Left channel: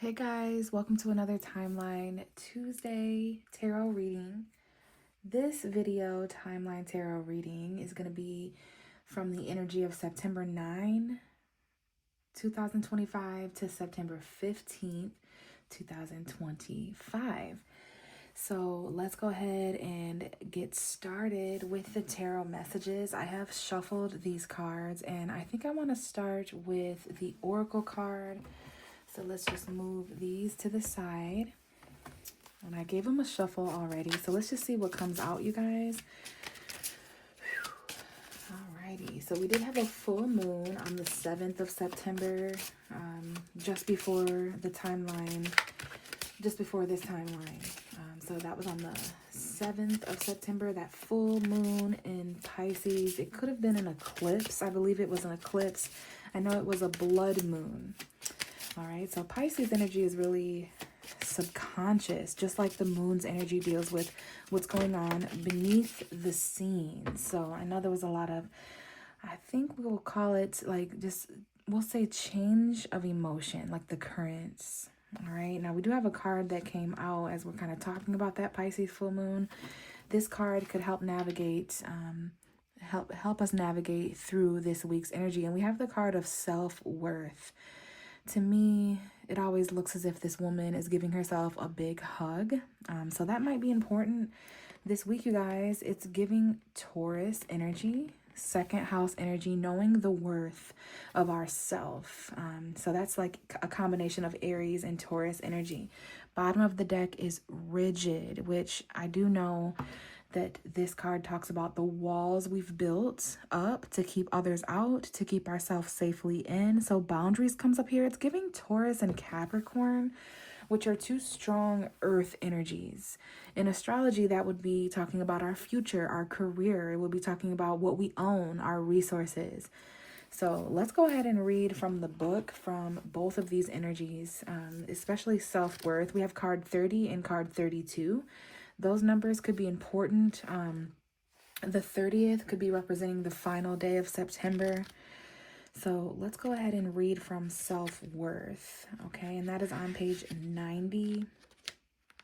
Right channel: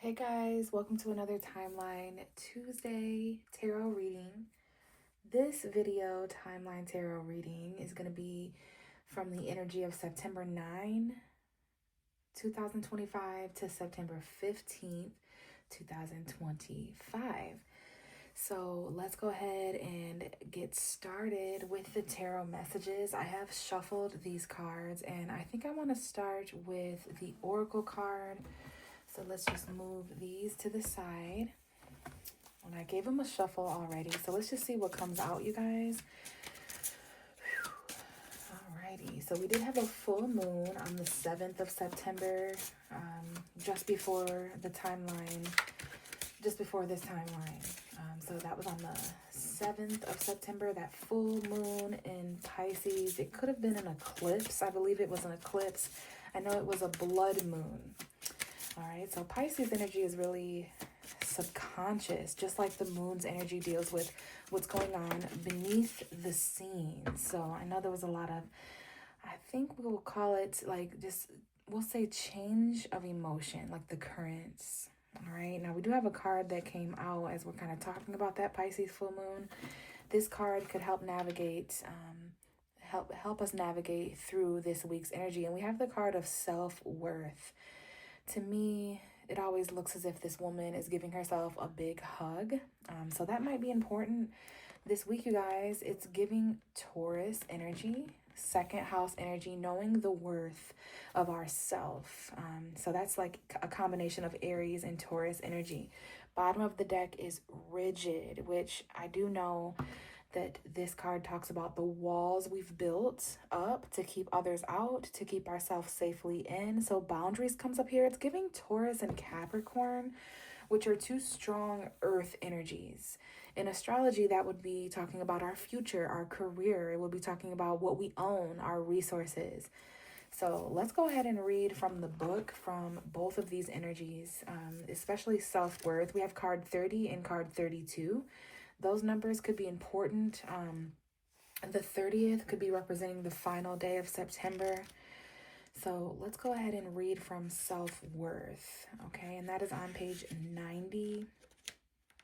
Hey guys, welcome to another Timeline Tuesday tarot reading. This video timeline tarot reading is going to be from the energy of September 9, 2025 to September 15th, 2025. So let's go ahead and get started with the tarot messages. I have shuffled these cards and I think I want to start with the Oracle card. So let's just move these to the side. And I gave them a shuffle already. So let's just see what comes out, you guys. Alrighty. So we did have a full moon on the 7th of September, just before the timeline, just before this timeline. So that was on the 7th of September, that full moon in Pisces. It could have been an eclipse. I believe it was an eclipse. I know it was a blood moon. All right, so Pisces energy is really subconscious, just like the moon's energy deals with what's going on beneath the scenes. So I know there was a lot of, I think we'll call it like just, we'll say change of emotion, like the currents. All right, now we do have a card that came out as we're kind of talking about that Pisces full moon. This card could help navigate, help us navigate through this week's energy. And we have the card of self-worth. To me, it always looks as if this woman is giving herself a big hug. So that might be important this week, you guys. It's giving Taurus energy, second house energy, knowing the worth of ourself. So that's like a combination of Aries and Taurus energy. Bottom of the deck is rigid, which I do know that this card talks about the walls we've built up to keep others out, to keep ourselves safely in. So boundaries comes up here. It's giving Taurus and Capricorn, which are two strong earth energies. In astrology, that would be talking about our future, our career. It would be talking about what we own, our resources. So let's go ahead and read from the book from both of these energies, especially self-worth. We have card 30 and card 32. Those numbers could be important. The 30th could be representing the final day of September. So let's go ahead and read from self-worth. Okay, and that is on page 90.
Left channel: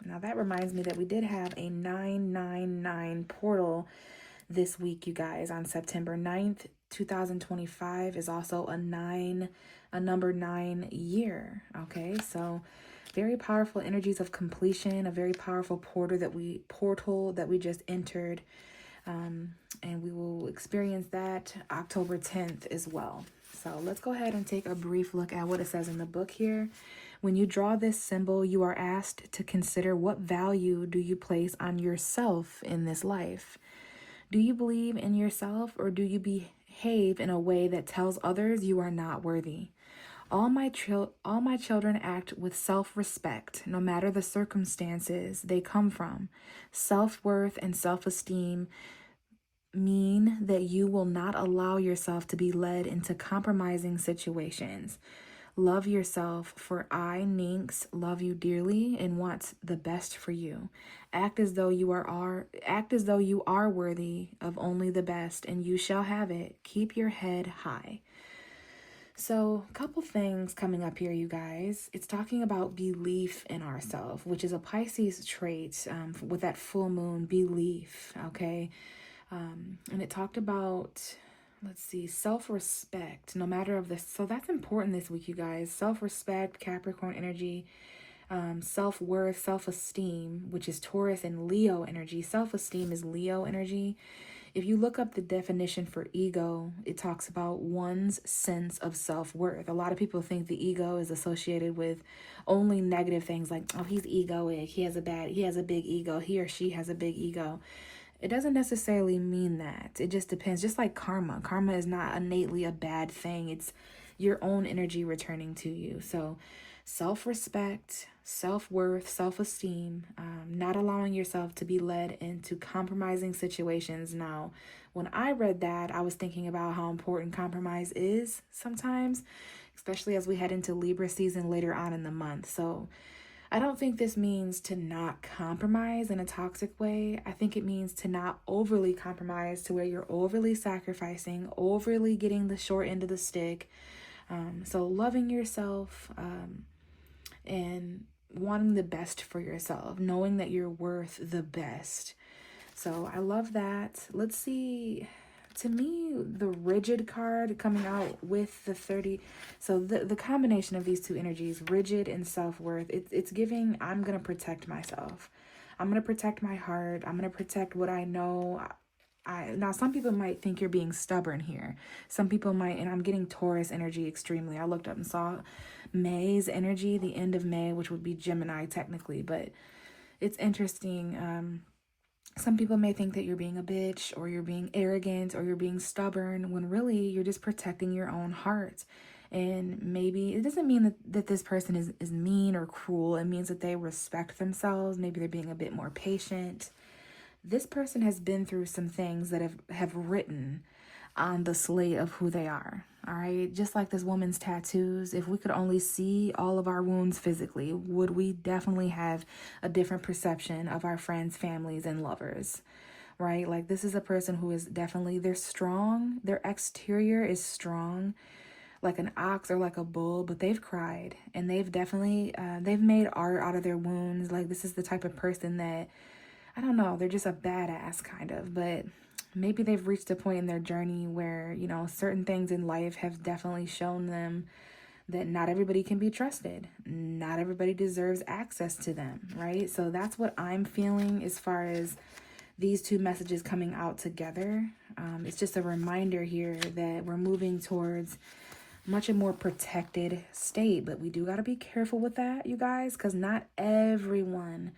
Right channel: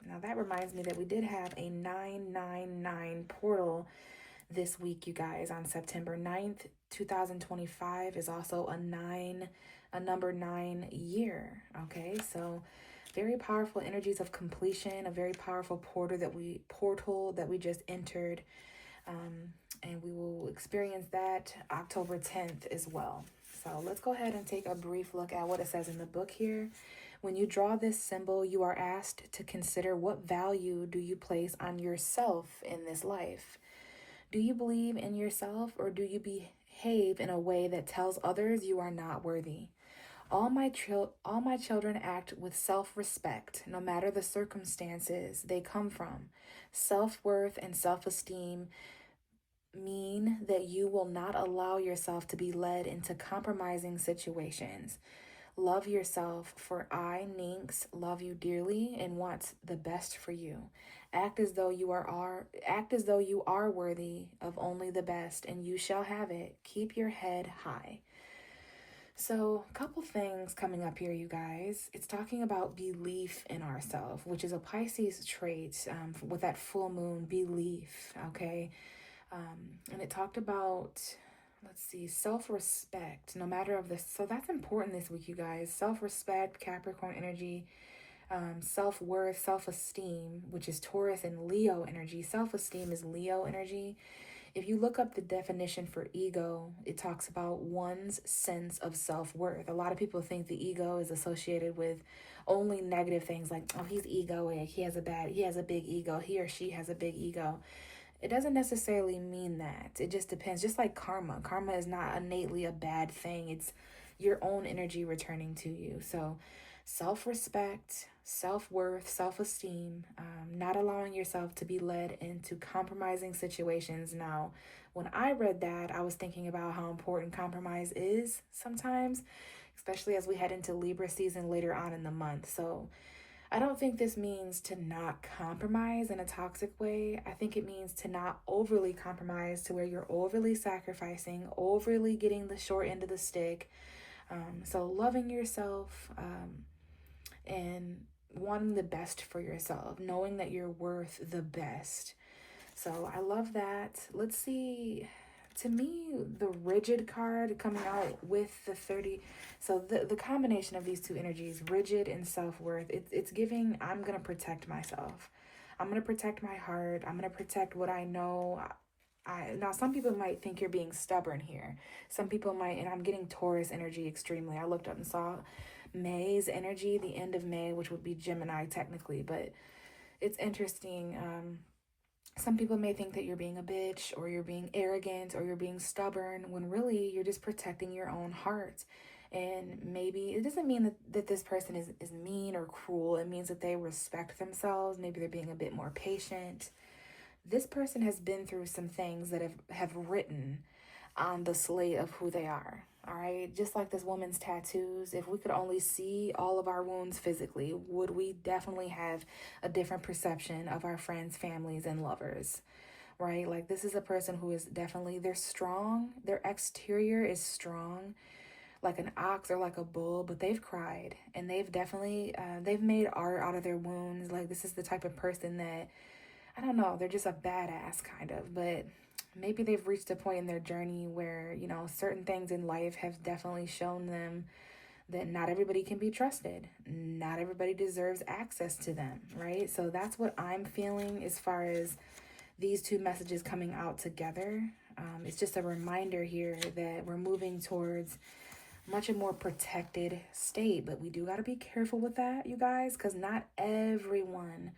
Now that reminds me that we did have a 999 portal this week, you guys. On September 9th, 2025 is also a number 9 year. Okay, so very powerful energies of completion, a very powerful portal that we just entered, and we will experience that October 10th as well. So let's go ahead and take a brief look at what it says in the book here. When you draw this symbol, you are asked to consider what value do you place on yourself in this life. Do you believe in yourself, or do you behave in a way that tells others you are not worthy? All my children act with self-respect, no matter the circumstances they come from. Self-worth and self-esteem mean that you will not allow yourself to be led into compromising situations. Love yourself, for I, Nynx, love you dearly and want the best for you. Act as though you are worthy of only the best, and you shall have it. Keep your head high. So, a couple things coming up here, you guys. It's talking about belief in ourselves, which is a Pisces trait with that full moon, belief, okay? And it talked about, let's see, self-respect, no matter of this. So that's important this week, you guys. Self-respect, Capricorn energy, self-worth, self-esteem, which is Taurus and Leo energy. Self-esteem is Leo energy. If you look up the definition for ego, it talks about one's sense of self-worth. A lot of people think the ego is associated with only negative things like, oh, he's egoic, he has a big ego, he or she has a big ego. It doesn't necessarily mean that. It just depends. Just like karma. Karma is not innately a bad thing. It's your own energy returning to you. So self-respect, self-worth, self-esteem, not allowing yourself to be led into compromising situations. Now, when I read that, I was thinking about how important compromise is sometimes, especially as we head into Libra season later on in the month. So I don't think this means to not compromise in a toxic way. I think it means to not overly compromise to where you're overly sacrificing, overly getting the short end of the stick. So loving yourself, and wanting the best for yourself, knowing that you're worth the best. So I love that. Let's see. To me, the rigid card coming out with the 30. So the combination of these two energies, rigid and self-worth, it's giving, I'm going to protect myself. I'm going to protect my heart. I'm going to protect what I know. Now, some people might think you're being stubborn here. Some people might, and I'm getting Taurus energy extremely. I looked up and saw May's energy, the end of May, which would be Gemini technically, but it's interesting. Some people may think that you're being a bitch or you're being arrogant or you're being stubborn when really you're just protecting your own heart. And maybe it doesn't mean that this person is mean or cruel. It means that they respect themselves. Maybe they're being a bit more patient. This person has been through some things that have written on the slate of who they are. All right, just like this woman's tattoos, if we could only see all of our wounds physically, would we definitely have a different perception of our friends, families, and lovers, right? Like, this is a person who is definitely, they're strong. Their exterior is strong, like an ox or like a bull, but they've cried, and they've definitely, they've made art out of their wounds. Like, this is the type of person that, I don't know, they're just a badass kind of, but maybe they've reached a point in their journey where, you know, certain things in life have definitely shown them that not everybody can be trusted. Not everybody deserves access to them, right? So that's what I'm feeling as far as these two messages coming out together. It's just a reminder here that we're moving towards much a more protected state, but we do got to be careful with that, you guys, because not everyone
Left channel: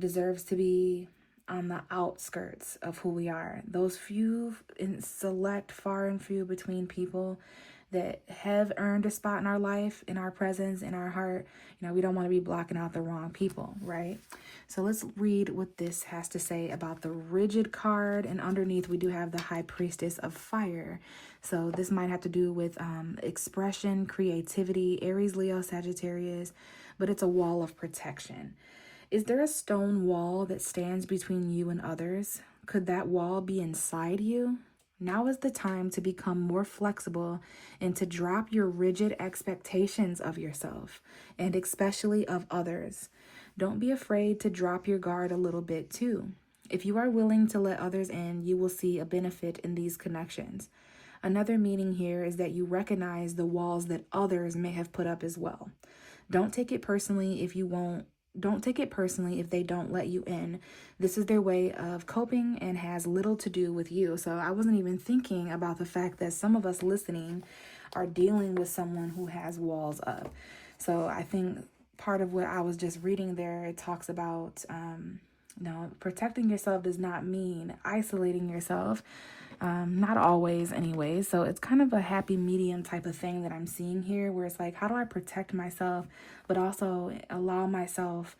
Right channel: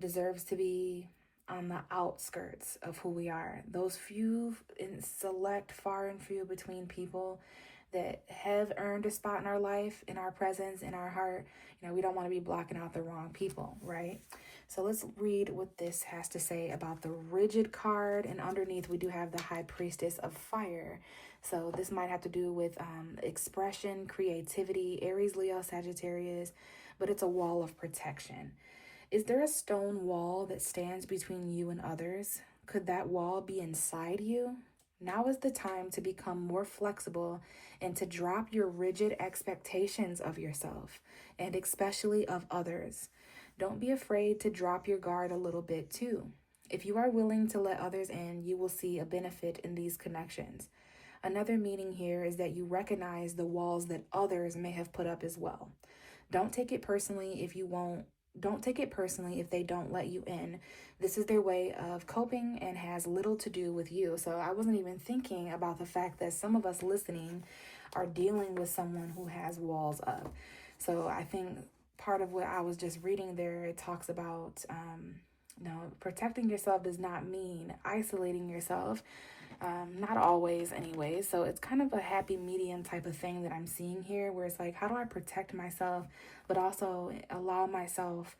deserves to be on the outskirts of who we are. Those few and select, far and few between people that have earned a spot in our life, in our presence, in our heart, you know, we don't want to be blocking out the wrong people, right? So let's read what this has to say about the rigid card. And underneath we do have the High Priestess of Fire. So this might have to do with expression, creativity, Aries, Leo, Sagittarius, but it's a wall of protection. Is there a stone wall that stands between you and others? Could that wall be inside you? Now is the time to become more flexible and to drop your rigid expectations of yourself and especially of others. Don't be afraid to drop your guard a little bit too. If you are willing to let others in, you will see a benefit in these connections. Another meaning here is that you recognize the walls that others may have put up as well. Don't take it personally if they don't let you in. This is their way of coping and has little to do with you. So I wasn't even thinking about the fact that some of us listening are dealing with someone who has walls up. So I think part of what I was just reading there, it talks about, protecting yourself does not mean isolating yourself. Not always anyway. So it's kind of a happy medium type of thing that I'm seeing here, where it's like, how do I protect myself, but also allow myself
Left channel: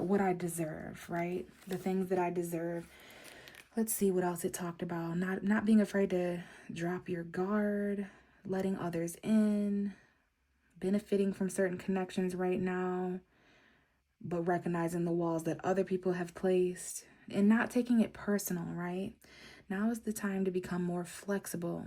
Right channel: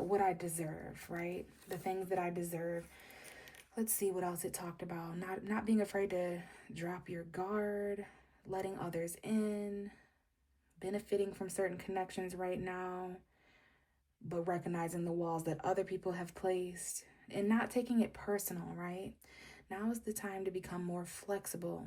what I deserve, right? The things that I deserve. Let's see what else it talked about. Not being afraid to drop your guard, letting others in, benefiting from certain connections right now, but recognizing the walls that other people have placed and not taking it personal, right? Now is the time to become more flexible.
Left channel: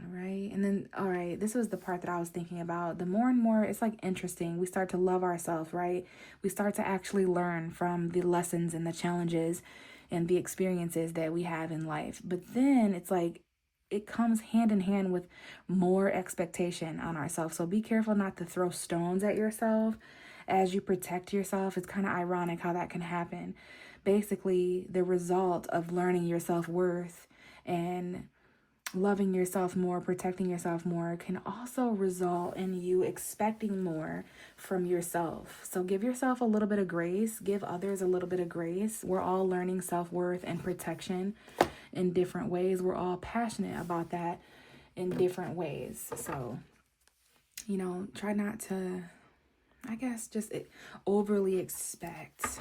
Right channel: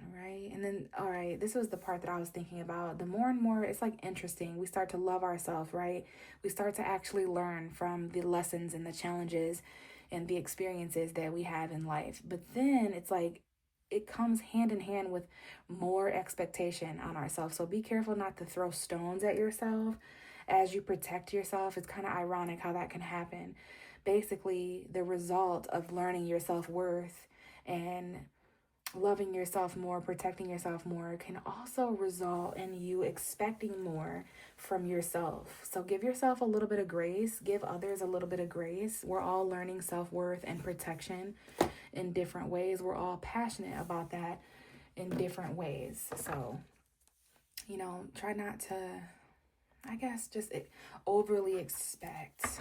All right. And then, all right, this was the part that I was thinking about. The more and more, it's like interesting. We start to love ourselves, right? We start to actually learn from the lessons and the challenges and the experiences that we have in life. But then it's like, it comes hand in hand with more expectation on ourselves. So be careful not to throw stones at yourself as you protect yourself. It's kind of ironic how that can happen. Basically, the result of learning your self-worth and loving yourself more, protecting yourself more, can also result in you expecting more from yourself. So give yourself a little bit of grace. Give others a little bit of grace. We're all learning self-worth and protection in different ways. We're all passionate about that in different ways. So, try not to, I guess, just overly expect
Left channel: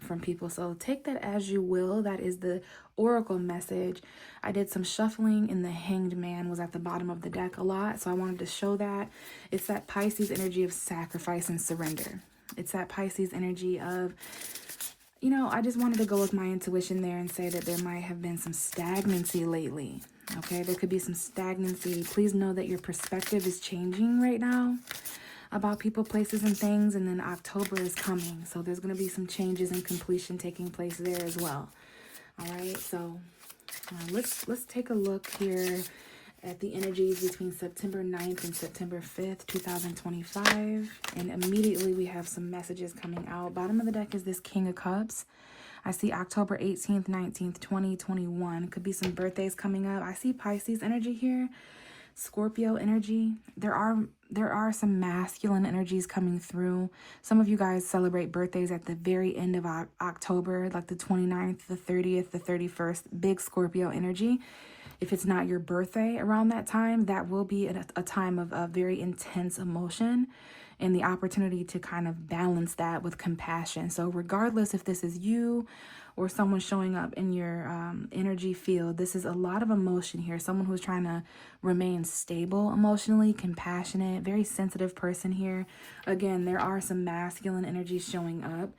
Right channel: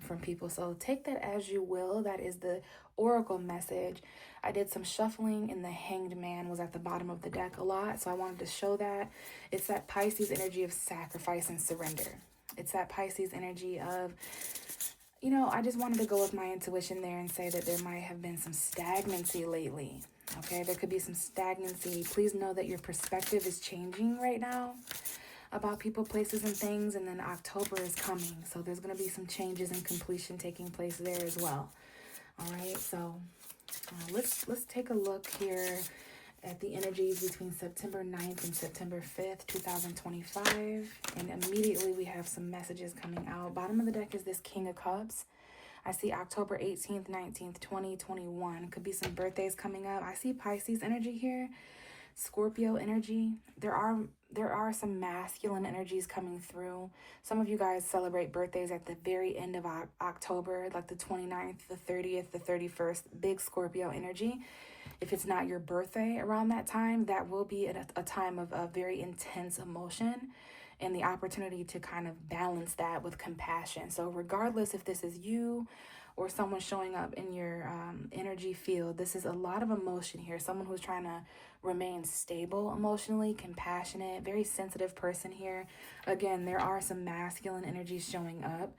from people. So take that as you will. That is the oracle message. I did some shuffling, and the Hanged Man was at the bottom of the deck a lot. So I wanted to show that. It's that Pisces energy of sacrifice and surrender. It's that Pisces energy of, I just wanted to go with my intuition there and say that there might have been some stagnancy lately. Okay, there could be some stagnancy. Please know that your perspective is changing right now. about people, places, and things. And then October is coming. So there's going to be some changes and completion taking place there as well. All right. So let's take a look here at the energies between September 9th and September 5th, 2025. And immediately we have some messages coming out. Bottom of the deck is this King of Cups. I see October 18th, 19th, 2021. Could be some birthdays coming up. I see Pisces energy here, Scorpio energy. There are some masculine energies coming through. Some of you guys celebrate birthdays at the very end of October, like the 29th, the 30th, the 31st. Big Scorpio energy. If it's not your birthday around that time, that will be a time of a very intense emotion and the opportunity to kind of balance that with compassion. So regardless if this is you or someone showing up in your energy field, this is a lot of emotion here. Someone who's trying to remain stable emotionally, compassionate, very sensitive person here. Again, there are some masculine energies showing up.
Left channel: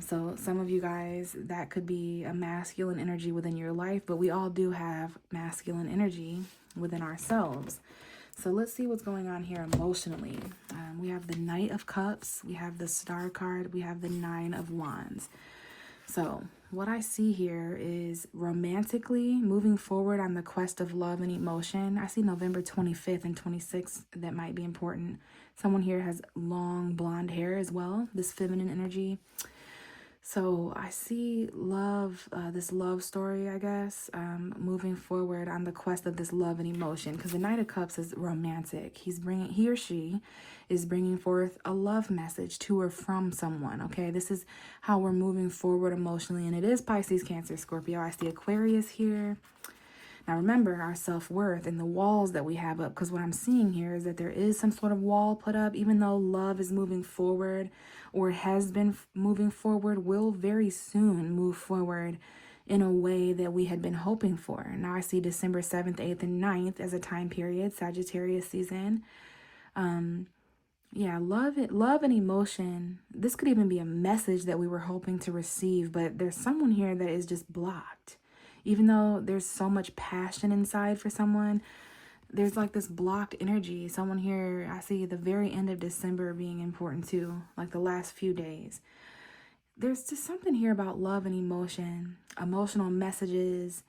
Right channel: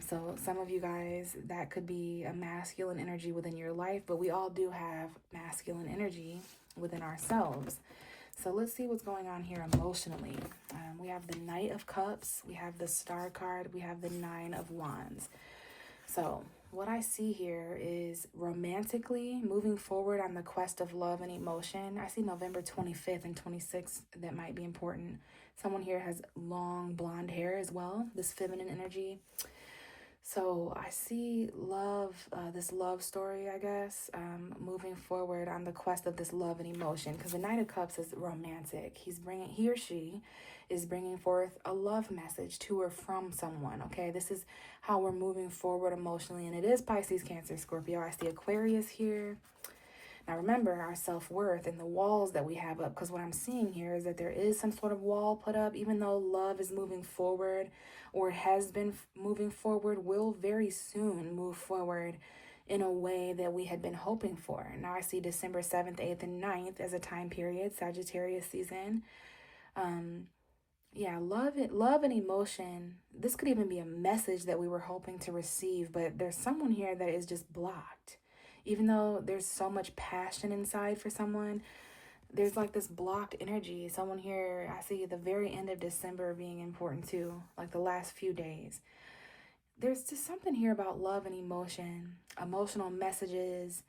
So some of you guys, that could be a masculine energy within your life, but we all do have masculine energy within ourselves. So let's see what's going on here emotionally. We have the Knight of Cups, we have the Star card, we have the Nine of Wands. So what I see here is romantically moving forward on the quest of love and emotion. I see November 25th and 26th that might be important. Someone here has long blonde hair as well, this feminine energy. So I see love, this love story, I guess, moving forward on the quest of this love and emotion, because the Knight of Cups is romantic. He or she is bringing forth a love message to or from someone. Okay, this is how we're moving forward emotionally, and it is Pisces, Cancer, Scorpio. I see Aquarius here. Now remember our self-worth and the walls that we have up, because what I'm seeing here is that there is some sort of wall put up, even though love is moving forward or has been moving forward, will very soon move forward in a way that we had been hoping for. Now I see December 7th, 8th, and 9th as a time period, Sagittarius season. Yeah, love and emotion. This could even be a message that we were hoping to receive, but there's someone here that is just blocked. Even though there's so much passion inside for someone, there's like this blocked energy. Someone here, I see the very end of December being important too, like the last few days. There's just something here about love and emotion, emotional messages,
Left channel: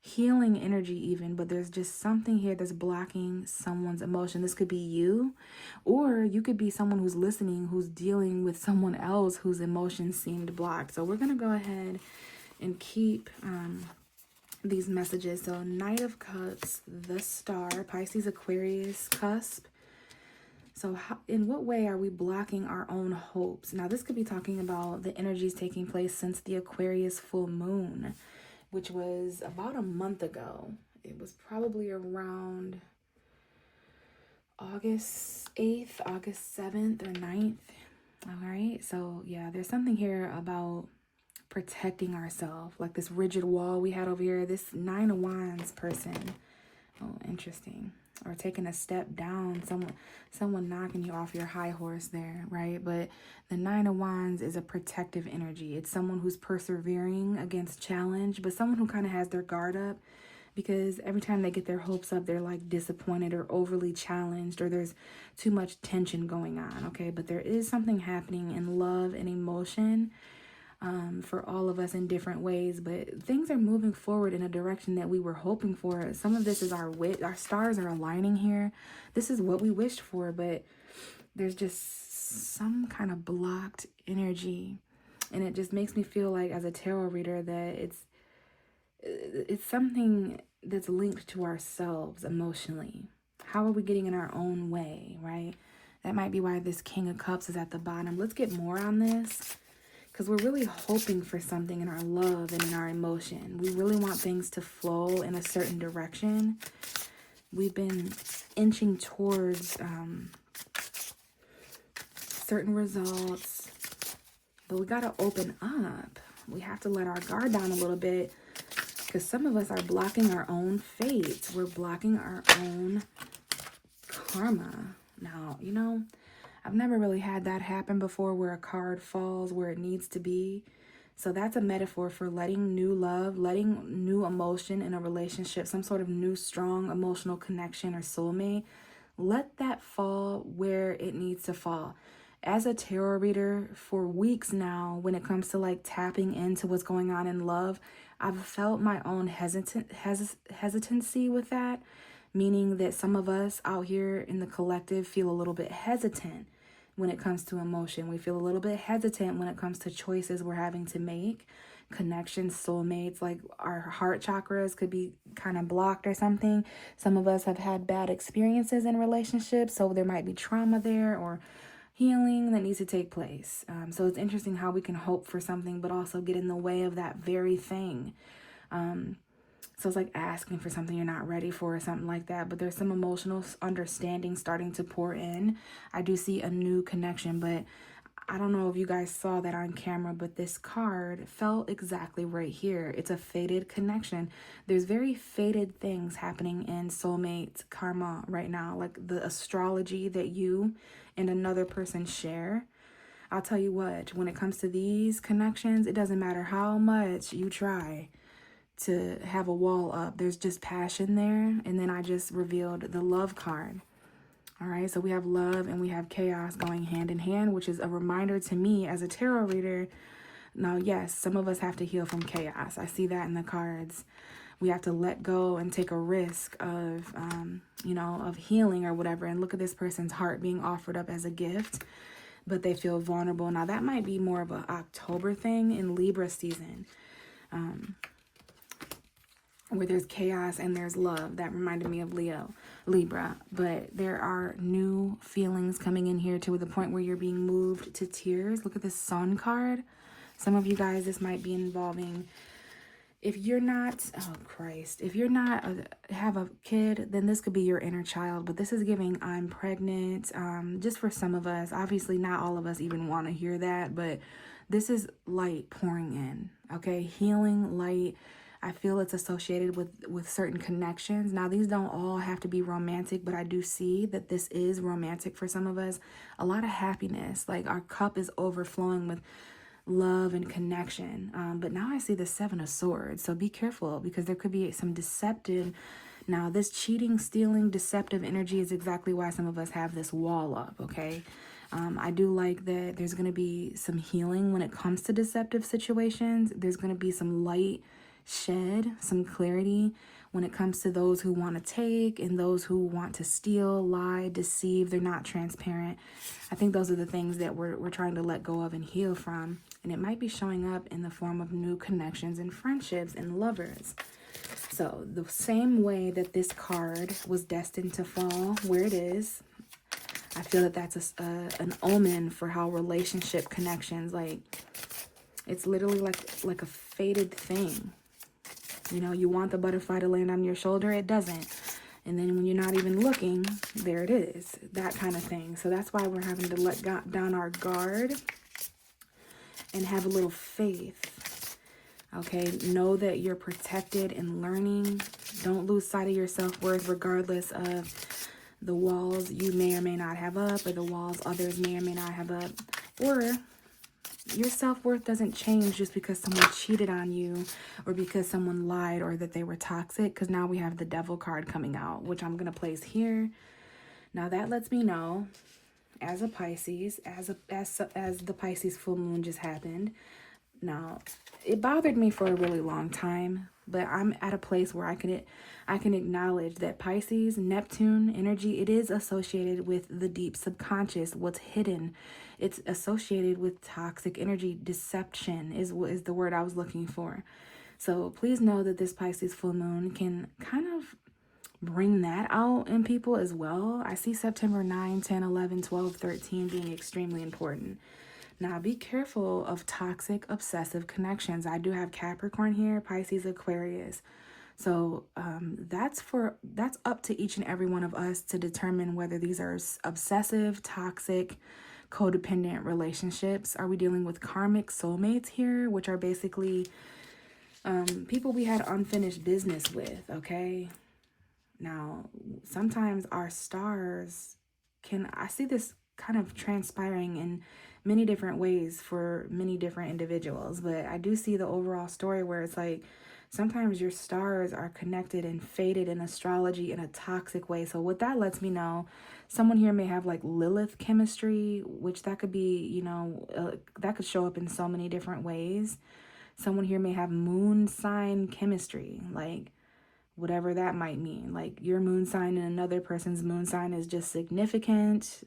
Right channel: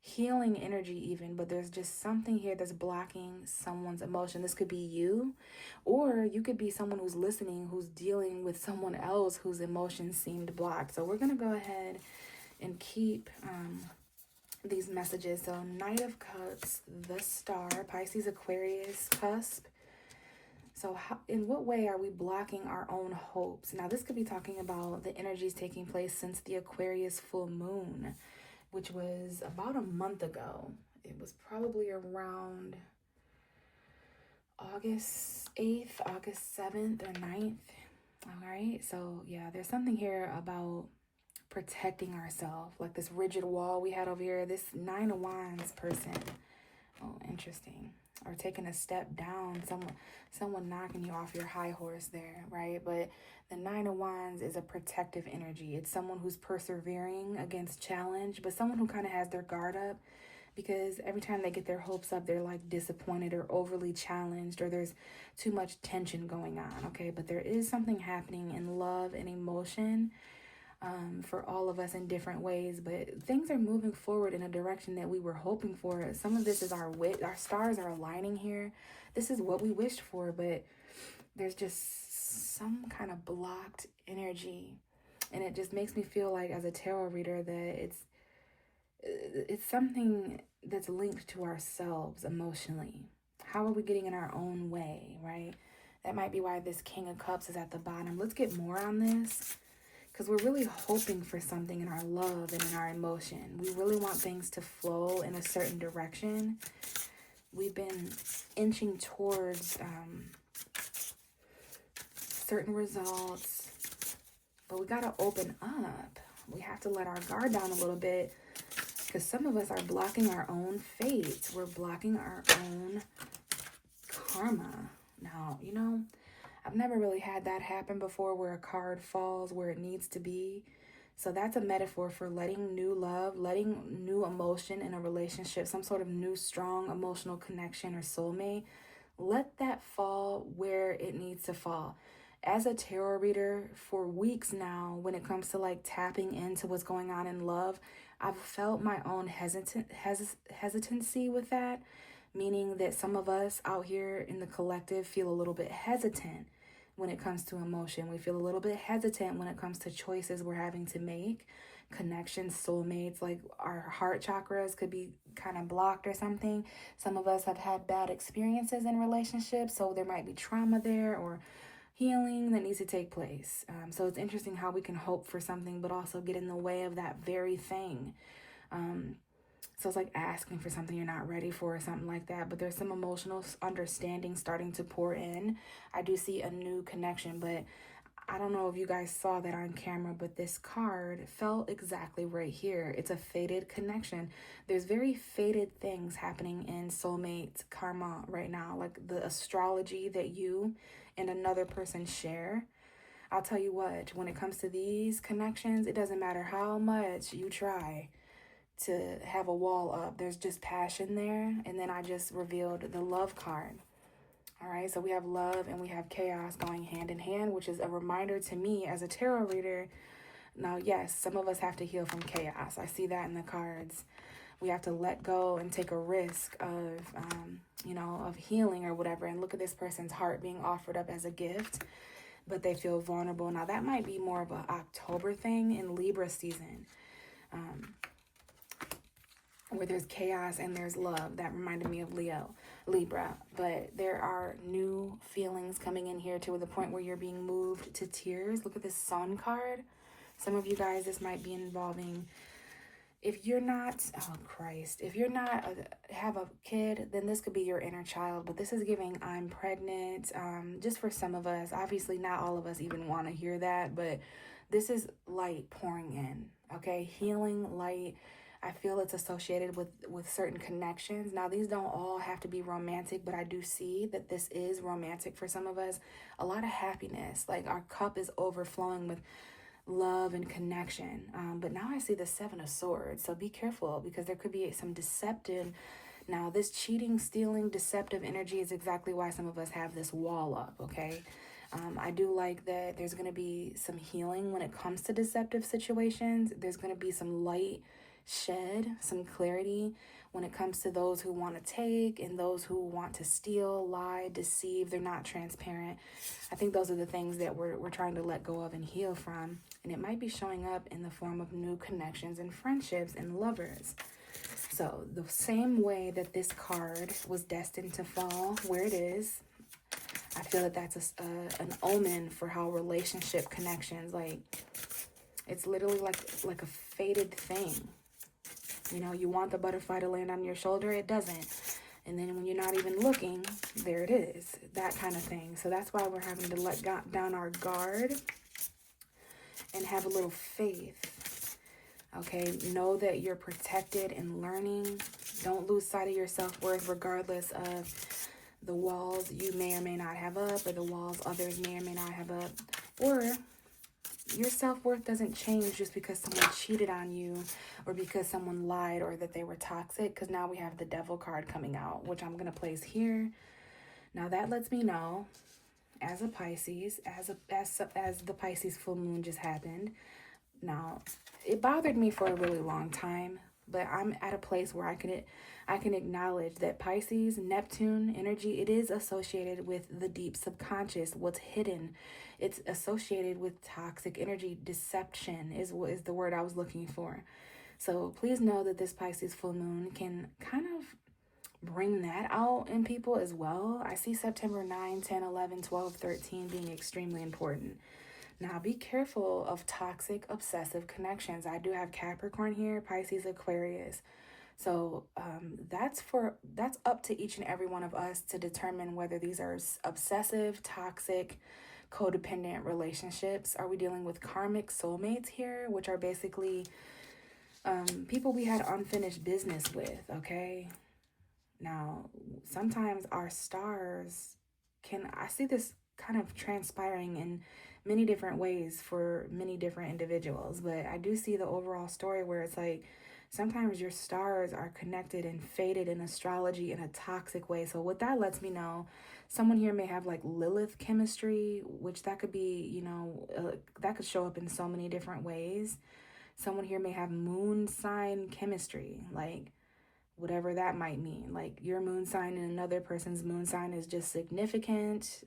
healing energy even, but there's just something here that's blocking someone's emotion. This could be you, or you could be someone who's listening, who's dealing with someone else whose emotions seemed blocked. So we're going to go ahead and keep these messages. So Knight of Cups, the Star, Pisces, Aquarius, cusp. So in what way are we blocking our own hopes? Now this could be talking about the energies taking place since the Aquarius full moon, which was about a month ago. It was probably around August 8th, August 7th or 9th. All right, so yeah, there's something here about protecting ourselves, like this rigid wall we had over here. This Nine of Wands person, oh, interesting, or taking a step down, someone knocking you off your high horse there, right? But the Nine of Wands is a protective energy. It's someone who's persevering against challenge, but someone who kind of has their guard up, because every time they get their hopes up, they're like disappointed or overly challenged, or there's too much tension going on. Okay, but there is something happening in love and emotion for all of us in different ways, but things are moving forward in a direction that we were hoping for. Some of this is our stars are aligning here. This is what we wished for, but there's just some kind of blocked energy, and it just makes me feel like, as a tarot reader, that it's something that's linked to ourselves emotionally. How are we getting in our own way, right? That might be why this King of Cups is at the bottom. Let's get more on this, because we're really hoping for something in our love and in our emotion. We really want things to flow in a certain direction. We've been inching towards certain results, but we got to open up. We have to let our guard down a little bit, because some of us are blocking our own fate. We're blocking our own karma. Now, you know, I've never really had that happen before, where a card falls where it needs to be. So that's a metaphor for letting new love, letting new emotion in a relationship, some sort of new strong emotional connection or soulmate, let that fall where it needs to fall. As a tarot reader for weeks now, when it comes to like tapping into what's going on in love, I've felt my own hesitancy with that, meaning that some of us out here in the collective feel a little bit hesitant when it comes to emotion. We feel a little bit hesitant when it comes to choices we're having to make, connections, soulmates, like our heart chakras could be kind of blocked or something. Some of us have had bad experiences in relationships, so there might be trauma there or healing that needs to take place. So it's interesting how we can hope for something but also get in the way of that very thing. So it's like asking for something you're not ready for or something like that. But there's some emotional understanding starting to pour in. I do see a new connection, but I don't know if you guys saw that on camera, but this card fell exactly right here. It's a fated connection. There's very fated things happening in soulmate karma right now, like the astrology that you and another person share. I'll tell you what, when it comes to these connections, it doesn't matter how much you try to have a wall up. There's just passion there. And then I just revealed the love card. All right, so we have love and we have chaos going hand in hand, which is a reminder to me as a tarot reader. Now, yes, some of us have to heal from chaos. I see that in the cards. We have to let go and take a risk of, of healing or whatever. And look at this person's heart being offered up as a gift, but they feel vulnerable. Now, that might be more of an October thing in Libra season. Where there's chaos and there's love. That reminded me of Libra. But there are new feelings coming in here to the point where you're being moved to tears. Look at this Sun card. Some of you guys, this might be involving, if you're not, if you're not have a kid, then this could be your inner child. But this is giving I'm pregnant. Just for some of us, obviously not all of us even want to hear that, but this is light pouring in, okay? Healing, light. I feel it's associated with certain connections. Now, these don't all have to be romantic, but I do see that this is romantic for some of us. A lot of happiness, like our cup is overflowing with love and connection. But now I see the Seven of Swords, so be careful because there could be some deceptive. Now, this cheating, stealing, deceptive energy is exactly why some of us have this wall up, okay? I do like that there's going to be some healing when it comes to deceptive situations. There's going to be some light shed, some clarity when it comes to those who want to take and those who want to steal, lie, deceive. They're not transparent. I think those are the things that we're trying to let go of and heal from. And it might be showing up in the form of new connections and friendships and lovers. So the same way that this card was destined to fall where it is, I feel that that's an omen for how relationship connections, like, it's literally like a fated thing. You know, you want the butterfly to land on your shoulder, it doesn't. And then when you're not even looking, there it is. That kind of thing. So that's why we're having to let down our guard and have a little faith. Okay, know that you're protected and learning. Don't lose sight of your self-worth regardless of the walls you may or may not have up or the walls others may or may not have up. Or your self-worth doesn't change just because someone cheated on you or because someone lied or that they were toxic, because now we have the Devil card coming out, which I'm going to place here. Now that lets me know, as a Pisces, as the Pisces full moon just happened. Now, it bothered me for a really long time, but I'm at a place where I can acknowledge that Pisces, Neptune energy, it is associated with the deep subconscious, what's hidden. It's associated with toxic energy. Deception is the word I was looking for. So please know that this Pisces full moon can kind of bring that out in people as well. I see September 9, 10, 11, 12, 13 being extremely important. Now, be careful of toxic, obsessive connections. I do have Capricorn here, Pisces, Aquarius. So that's up to each and every one of us to determine whether these are obsessive, toxic, codependent relationships. Are we dealing with karmic soulmates here, which are basically people we had unfinished business with, okay? Now, sometimes our stars I see this kind of transpiring in many different ways for many different individuals, but I do see the overall story where it's like sometimes your stars are connected and fated in astrology in a toxic way. So what that lets me know, someone here may have like Lilith chemistry, which that could be, that could show up in so many different ways. Someone here may have moon sign chemistry, like whatever that might mean. Like your moon sign and another person's moon sign is just significant.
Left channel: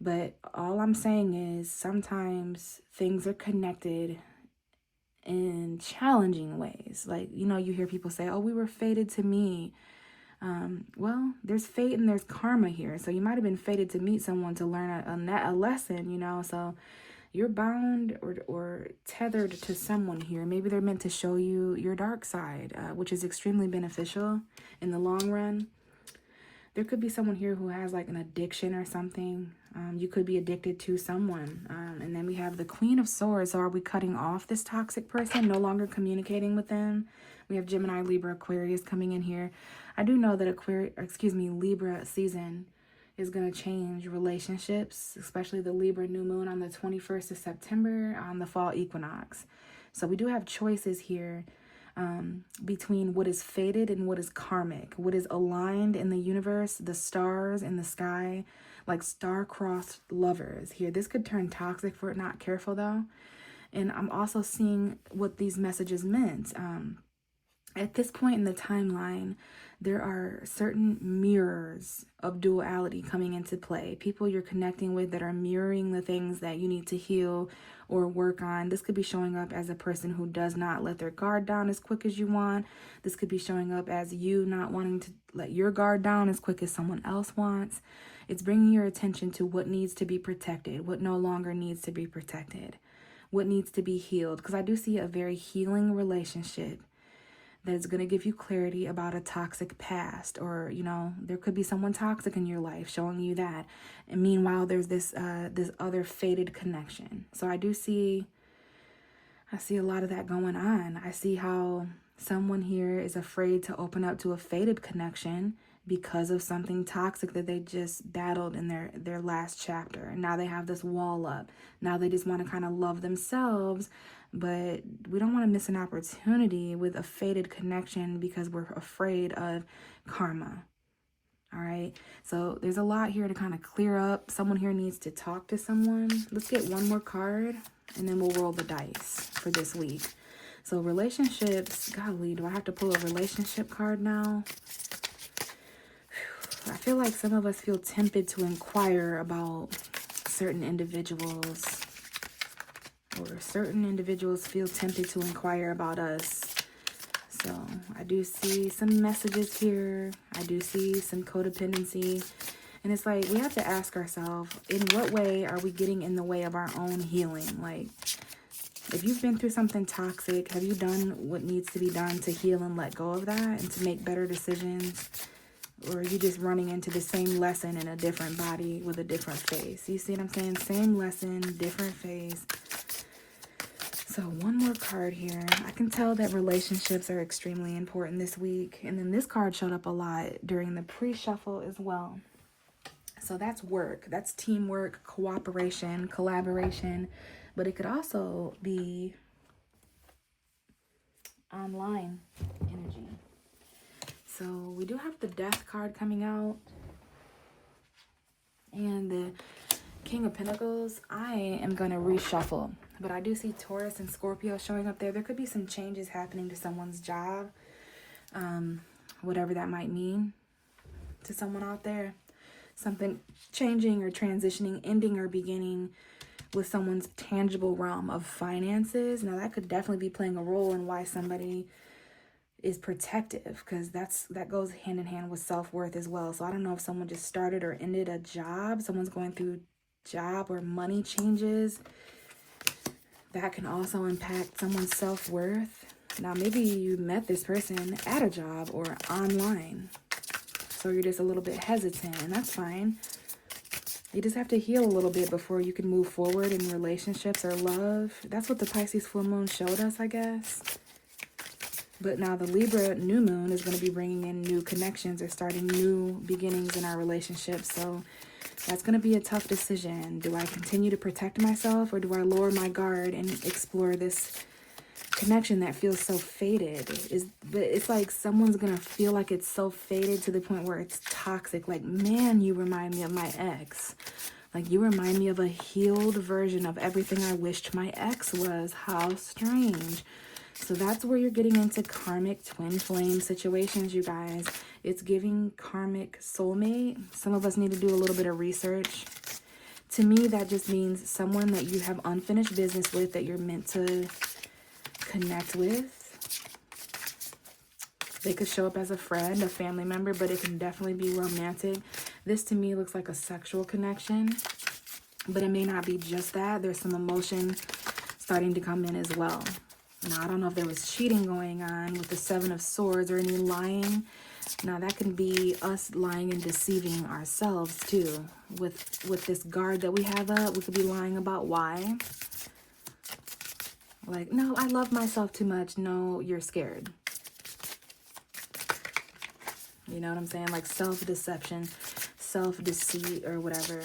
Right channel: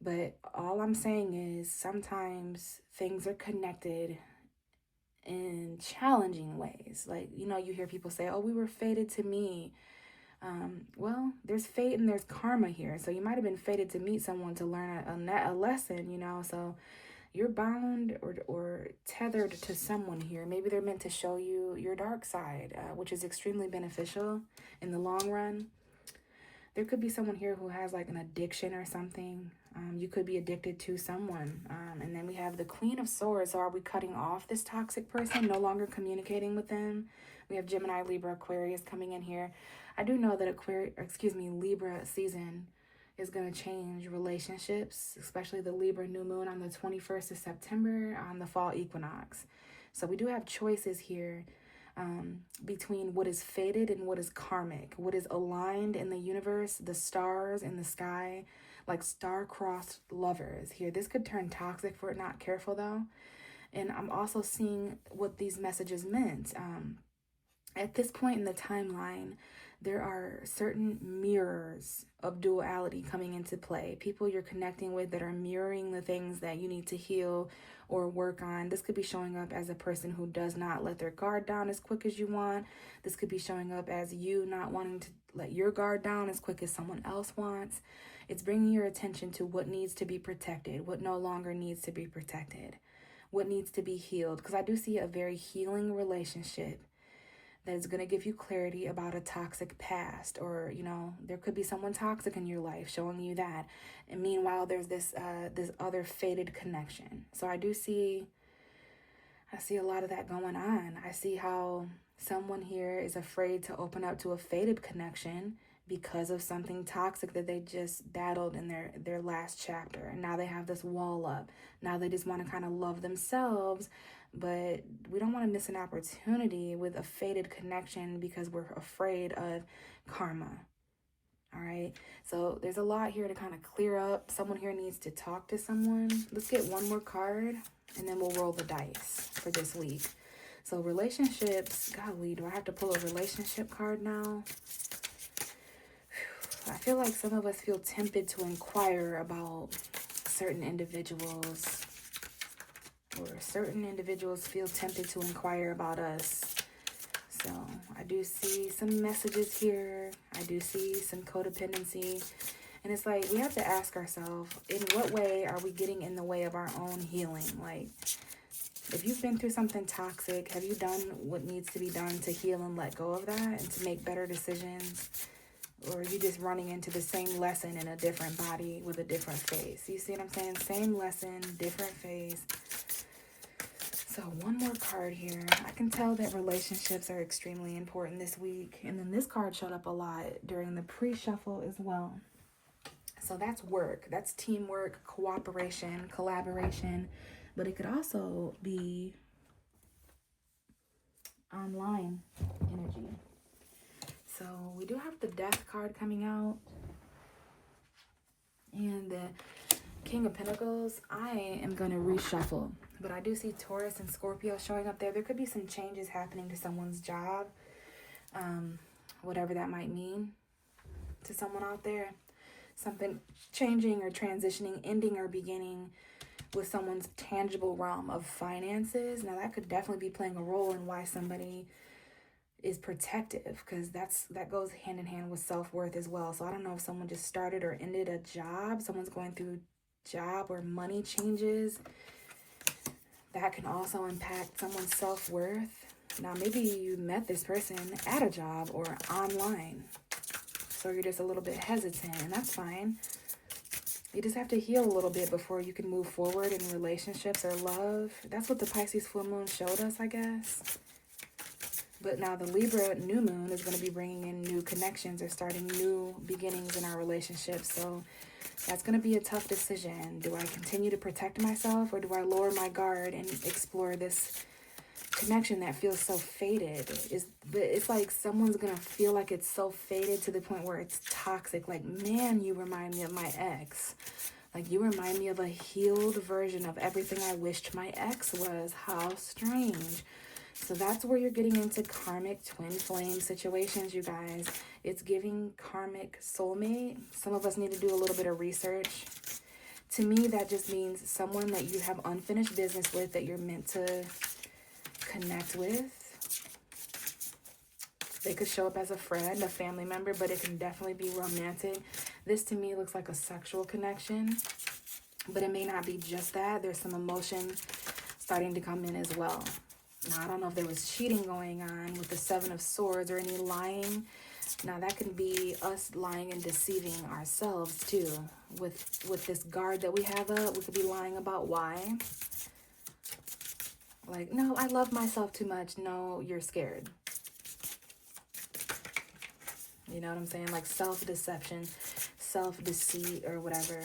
But all I'm saying is sometimes things are connected in challenging ways. Like, you hear people say, oh, we were fated to meet. Well, there's fate and there's karma here. So you might have been fated to meet someone to learn a lesson, So you're bound or tethered to someone here. Maybe they're meant to show you your dark side, which is extremely beneficial in the long run. There could be someone here who has like an addiction or something. You could be addicted to someone. And then we have the Queen of Swords. So are we cutting off this toxic person, no longer communicating with them? We have Gemini, Libra, Aquarius coming in here. I do know that Libra season is going to change relationships, especially the Libra new moon on the 21st of September on the fall equinox. So we do have choices here. Between what is fated and what is karmic, what is aligned in the universe, the stars in the sky, like star-crossed lovers here. This could turn toxic if we're not careful, though. And I'm also seeing what these messages meant. At this point in the timeline, there are certain mirrors of duality coming into play. People you're connecting with that are mirroring the things that you need to heal or work on. This could be showing up as a person who does not let their guard down as quick as you want. This could be showing up as you not wanting to let your guard down as quick as someone else wants. It's bringing your attention to what needs to be protected, what no longer needs to be protected, what needs to be healed. Because I do see a very healing relationship that's going to give you clarity about a toxic past, or, there could be someone toxic in your life showing you that. And meanwhile, there's this other fated connection. So I see a lot of that going on. I see how someone here is afraid to open up to a fated connection because of something toxic that they just battled in their last chapter. And now they have this wall up. Now they just want to kind of love themselves. But we don't want to miss an opportunity with a fated connection because we're afraid of karma. All right. So there's a lot here to kind of clear up. Someone here needs to talk to someone. Let's get one more card and then we'll roll the dice for this week. So relationships. Golly, do I have to pull a relationship card now? I feel like some of us feel tempted to inquire about certain individuals. Or certain individuals feel tempted to inquire about us. So I do see some messages here. I do see some codependency. And it's like we have to ask ourselves, in what way are we getting in the way of our own healing? Like, if you've been through something toxic, have you done what needs to be done to heal and let go of that and to make better decisions? Or are you just running into the same lesson in a different body with a different face? You see what I'm saying? Same lesson, different face. So one more card here. I can tell that relationships are extremely important this week. And then this card showed up a lot during the pre-shuffle as well. So that's work. That's teamwork, cooperation, collaboration. But it could also be online energy. So we do have the Death card coming out. And the King of Pentacles. I am going to reshuffle. But I do see Taurus and Scorpio showing up there. There could be some changes happening to someone's job. Whatever that might mean to someone out there. Something changing or transitioning, ending or beginning with someone's tangible realm of finances. Now that could definitely be playing a role in why somebody is protective, because that goes hand in hand with self-worth as well. So I don't know if someone just started or ended a job. Someone's going through job or money changes. That can also impact someone's self-worth. Now, maybe you met this person at a job or online. So you're just a little bit hesitant, and that's fine. You just have to heal a little bit before you can move forward in relationships or love. That's what the Pisces full moon showed us, I guess. But now the Libra new moon is going to be bringing in new connections or starting new beginnings in our relationships. So that's going to be a tough decision. Do I continue to protect myself, or do I lower my guard and explore this connection that feels so faded. It's like someone's gonna feel like it's so faded to the point where it's toxic. Like, man, you remind me of my ex. Like, you remind me of a healed version of everything I wished my ex was. How strange. So that's where you're getting into karmic twin flame situations, you guys. It's giving karmic soulmate. Some of us need to do a little bit of research. To me, that just means someone that you have unfinished business with, that you're meant to connect with. They could show up as a friend, a family member, but it can definitely be romantic. This to me looks like a sexual connection, but it may not be just that. There's some emotion starting to come in as well. Now, I don't know if there was cheating going on with the Seven of Swords or any lying. Now, that can be us lying and deceiving ourselves, too. With this guard that we have up, we could be lying about why. Like, no, I love myself too much. No, you're scared. You know what I'm saying? Like self-deception, self-deceit, or whatever.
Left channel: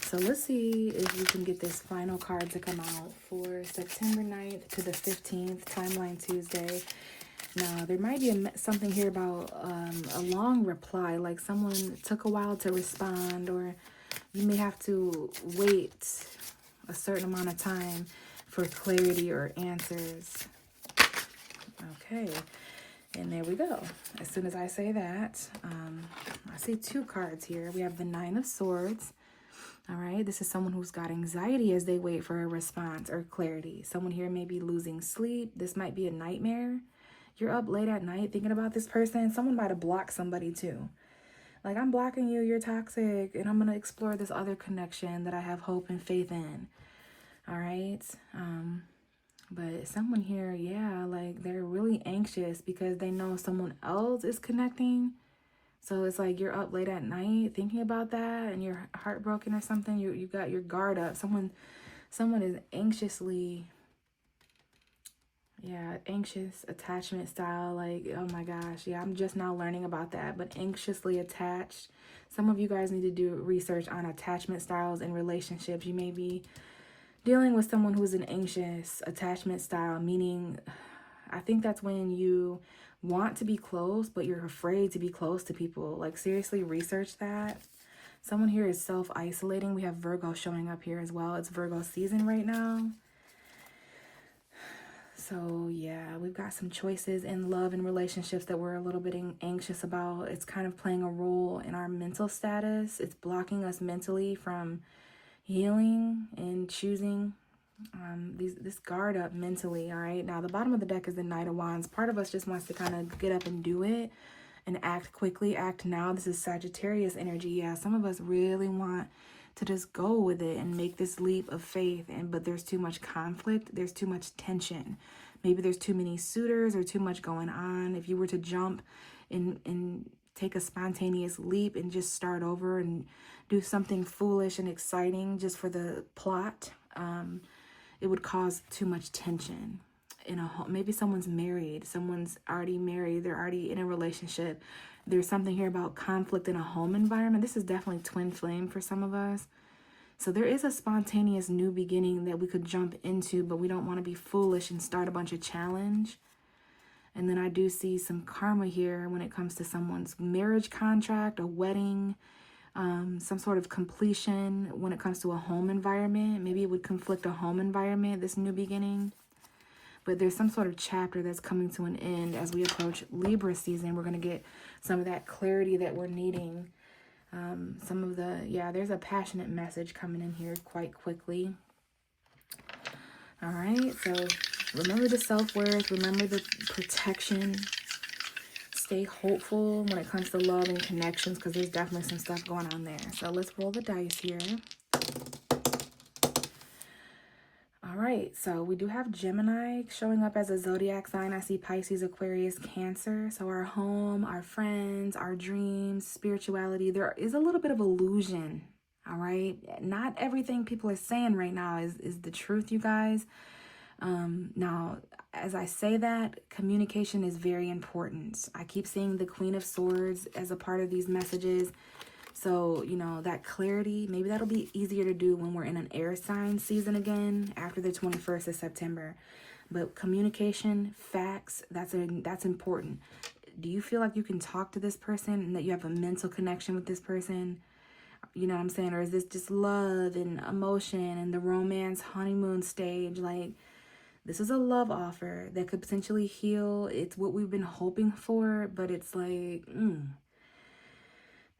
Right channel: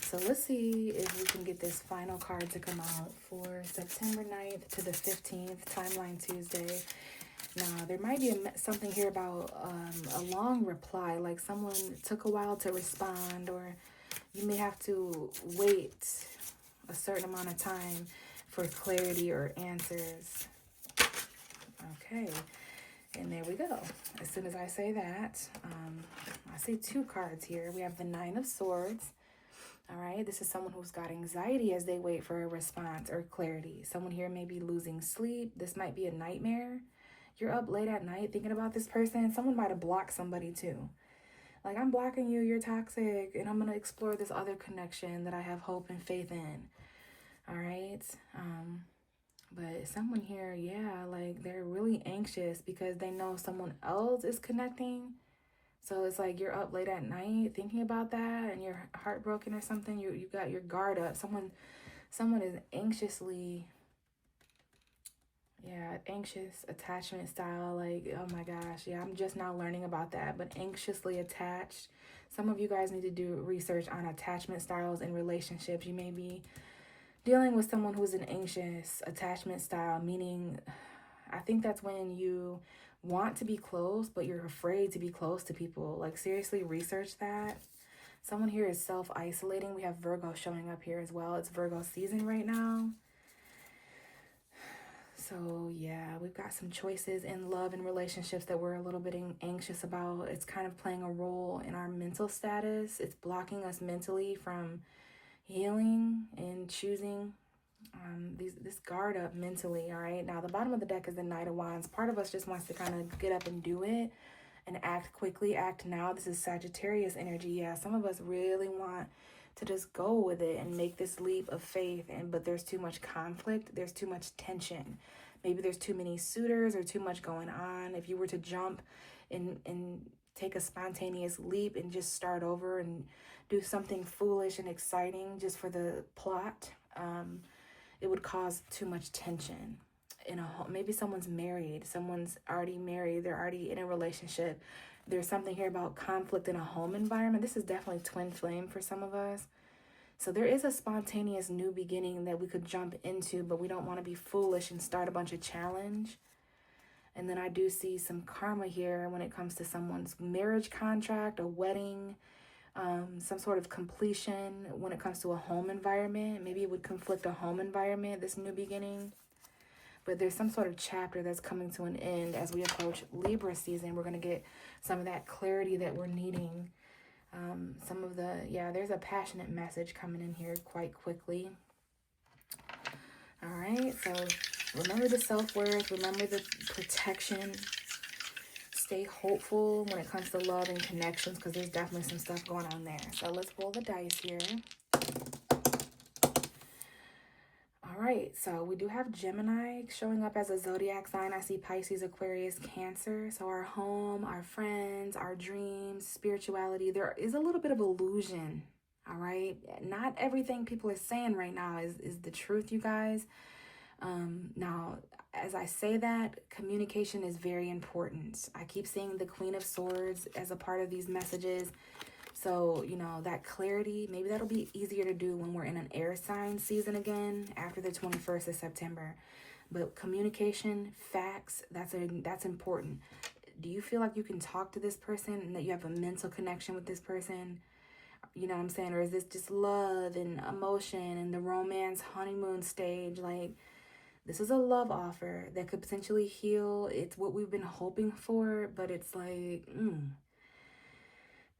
So let's see if we can get this final card to come out for September 9th to the 15th, Timeline Tuesday. Now, there might be something here about a long reply, like someone took a while to respond, or you may have to wait a certain amount of time for clarity or answers. Okay, and there we go. As soon as I say that, I see two cards here. We have the Nine of Swords. All right, this is someone who's got anxiety as they wait for a response or clarity. Someone here may be losing sleep. This might be a nightmare. You're up late at night thinking about this person. Someone might have blocked somebody too. Like, I'm blocking you, you're toxic, and I'm going to explore this other connection that I have hope and faith in. All right. But someone here, yeah, like they're really anxious because they know someone else is connecting. So it's like you're up late at night thinking about that and you're heartbroken or something. You got your guard up. Someone is anxiously, yeah, anxious attachment style. Like, oh my gosh, yeah, I'm just now learning about that. But anxiously attached. Some of you guys need to do research on attachment styles in relationships. You may be dealing with someone who's an anxious attachment style, meaning I think that's when you want to be close, but you're afraid to be close to people. Like, seriously, research that. Someone here is self-isolating. We have Virgo showing up here as well. It's Virgo season right now. So, yeah, we've got some choices in love and relationships that we're a little bit anxious about. It's kind of playing a role in our mental status. It's blocking us mentally from healing and choosing this guard up mentally. All right, now the bottom of the deck is the Knight of Wands. Part of us just wants to kind of get up and do it and act quickly, act now. This is Sagittarius energy. Yeah, some of us really want to just go with it and make this leap of faith, but there's too much conflict, there's too much tension. Maybe there's too many suitors or too much going on. If you were to jump and take a spontaneous leap and just start over and do something foolish and exciting just for the plot, it would cause too much tension in a home. Maybe someone's married, someone's already married, they're already in a relationship. There's something here about conflict in a home environment. This is definitely twin flame for some of us. So there is a spontaneous new beginning that we could jump into, but we don't want to be foolish and start a bunch of challenge. And then I do see some karma here when it comes to someone's marriage contract, a wedding, some sort of completion when it comes to a home environment. Maybe it would conflict a home environment, this new beginning. But there's some sort of chapter that's coming to an end as we approach Libra season. We're going to get some of that clarity that we're needing. There's a passionate message coming in here quite quickly. All right, so remember the self-worth, remember the protection. Stay hopeful when it comes to love and connections, because there's definitely some stuff going on there. So let's roll the dice here. All right, so we do have Gemini showing up as a zodiac sign. I see Pisces, Aquarius, Cancer. So our home, our friends, our dreams, spirituality, there is a little bit of illusion. All right, not everything people are saying right now is the truth, you guys. Now, as I say that, communication is very important. I keep seeing the Queen of Swords as a part of these messages. So, you know, that clarity, maybe that'll be easier to do when we're in an air sign season again after the 21st of September. But communication, facts, that's important. Do you feel like you can talk to this person and that you have a mental connection with this person? You know what I'm saying? Or is this just love and emotion and the romance honeymoon stage? Like, this is a love offer that could potentially heal. It's what we've been hoping for, but it's like,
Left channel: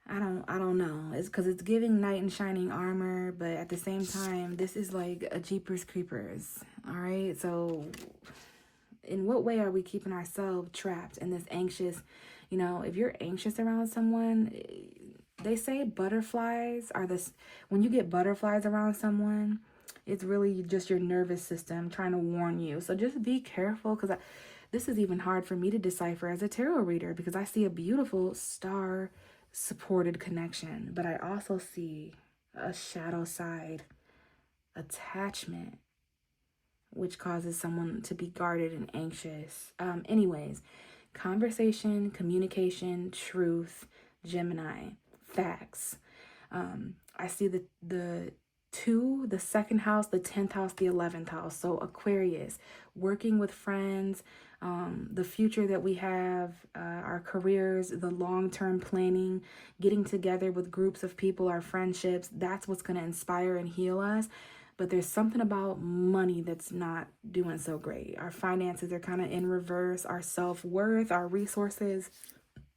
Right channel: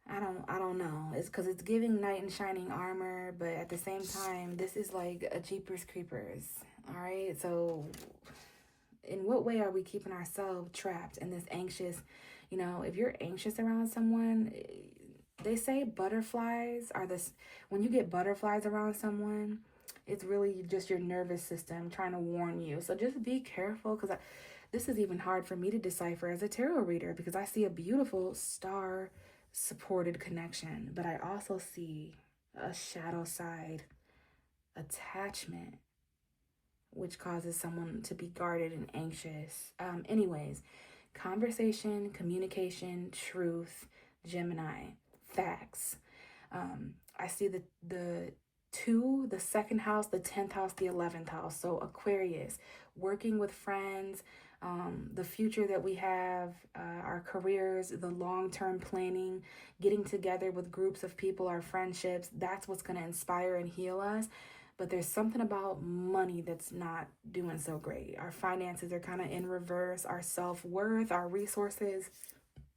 I don't know. It's because it's giving knight in shining armor, but at the same time, this is like a Jeepers Creepers. All right, so in what way are we keeping ourselves trapped in this anxious? You know, if you're anxious around someone, they say butterflies are this. When you get butterflies around someone, it's really just your nervous system trying to warn you. So just be careful, because this is even hard for me to decipher as a tarot reader, because I see a beautiful star supported connection, but I also see a shadow side attachment, which causes someone to be guarded and anxious. Anyways, conversation, communication, truth, Gemini, facts. I see the 2, the 2nd house, the 10th house, the 11th house. So Aquarius, working with friends, the future that we have, our careers, the long-term planning, getting together with groups of people, our friendships, that's what's going to inspire and heal us. But there's something about money that's not doing so great. Our finances are kind of in reverse, our self-worth, our resources.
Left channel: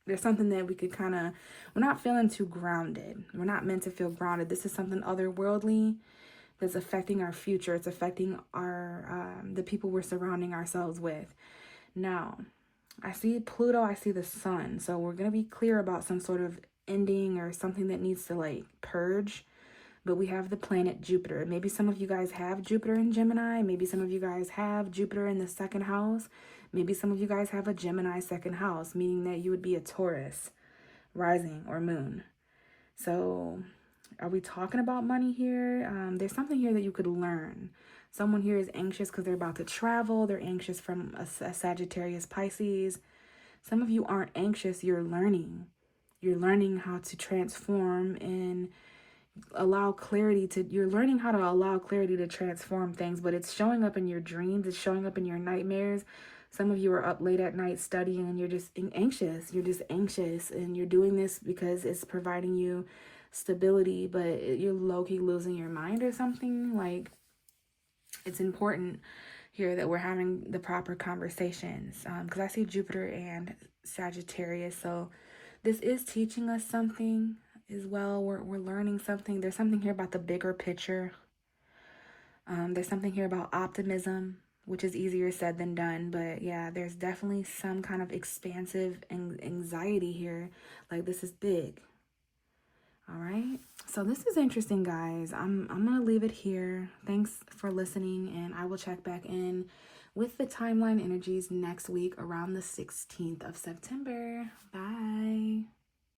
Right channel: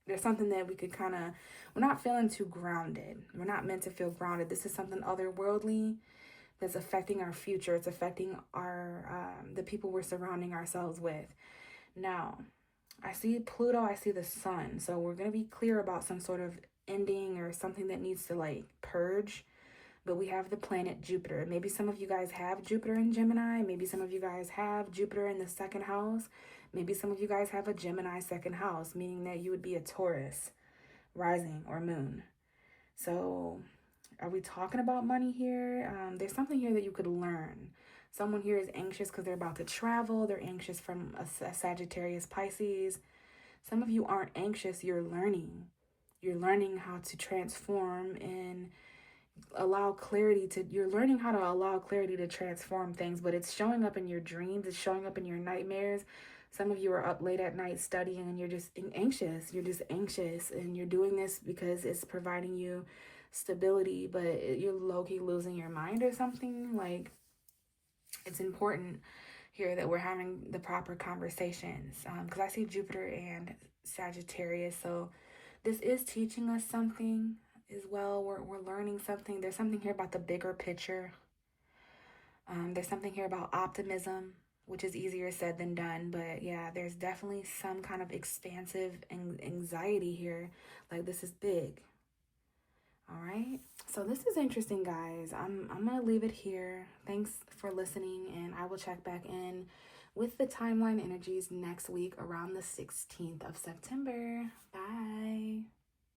There's something that we could we're not feeling too grounded. We're not meant to feel grounded. This is something otherworldly that's affecting our future. It's affecting the people we're surrounding ourselves with. Now, I see Pluto, I see the sun. So we're going to be clear about some sort of ending or something that needs to like purge. But we have the planet Jupiter. Maybe some of you guys have Jupiter in Gemini. Maybe some of you guys have Jupiter in the 2nd house. Maybe some of you guys have a Gemini 2nd house, meaning that you would be a Taurus rising or moon. So are we talking about money here? There's something here that you could learn. Someone here is anxious because they're about to travel. They're anxious from a Sagittarius Pisces. Some of you aren't anxious. You're learning. You're learning how to transform and you're learning how to allow clarity to transform things, but it's showing up in your dreams. It's showing up in your nightmares. Some of you are up late at night studying and you're just anxious. You're just anxious and you're doing this because it's providing you stability, but you're low-key losing your mind or something. Like, it's important here that we're having the proper conversations, because I see Jupiter and Sagittarius. So this is teaching us something as well. We're learning something. There's something here about the bigger picture. There's something here about optimism, which is easier said than done. But yeah, there's definitely some kind of expansive anxiety here. Like, this is big. All right. So this is interesting, guys. I'm going to leave it here. Thanks for listening, and I will check back in with the timeline energies next week around the 16th of September. Bye.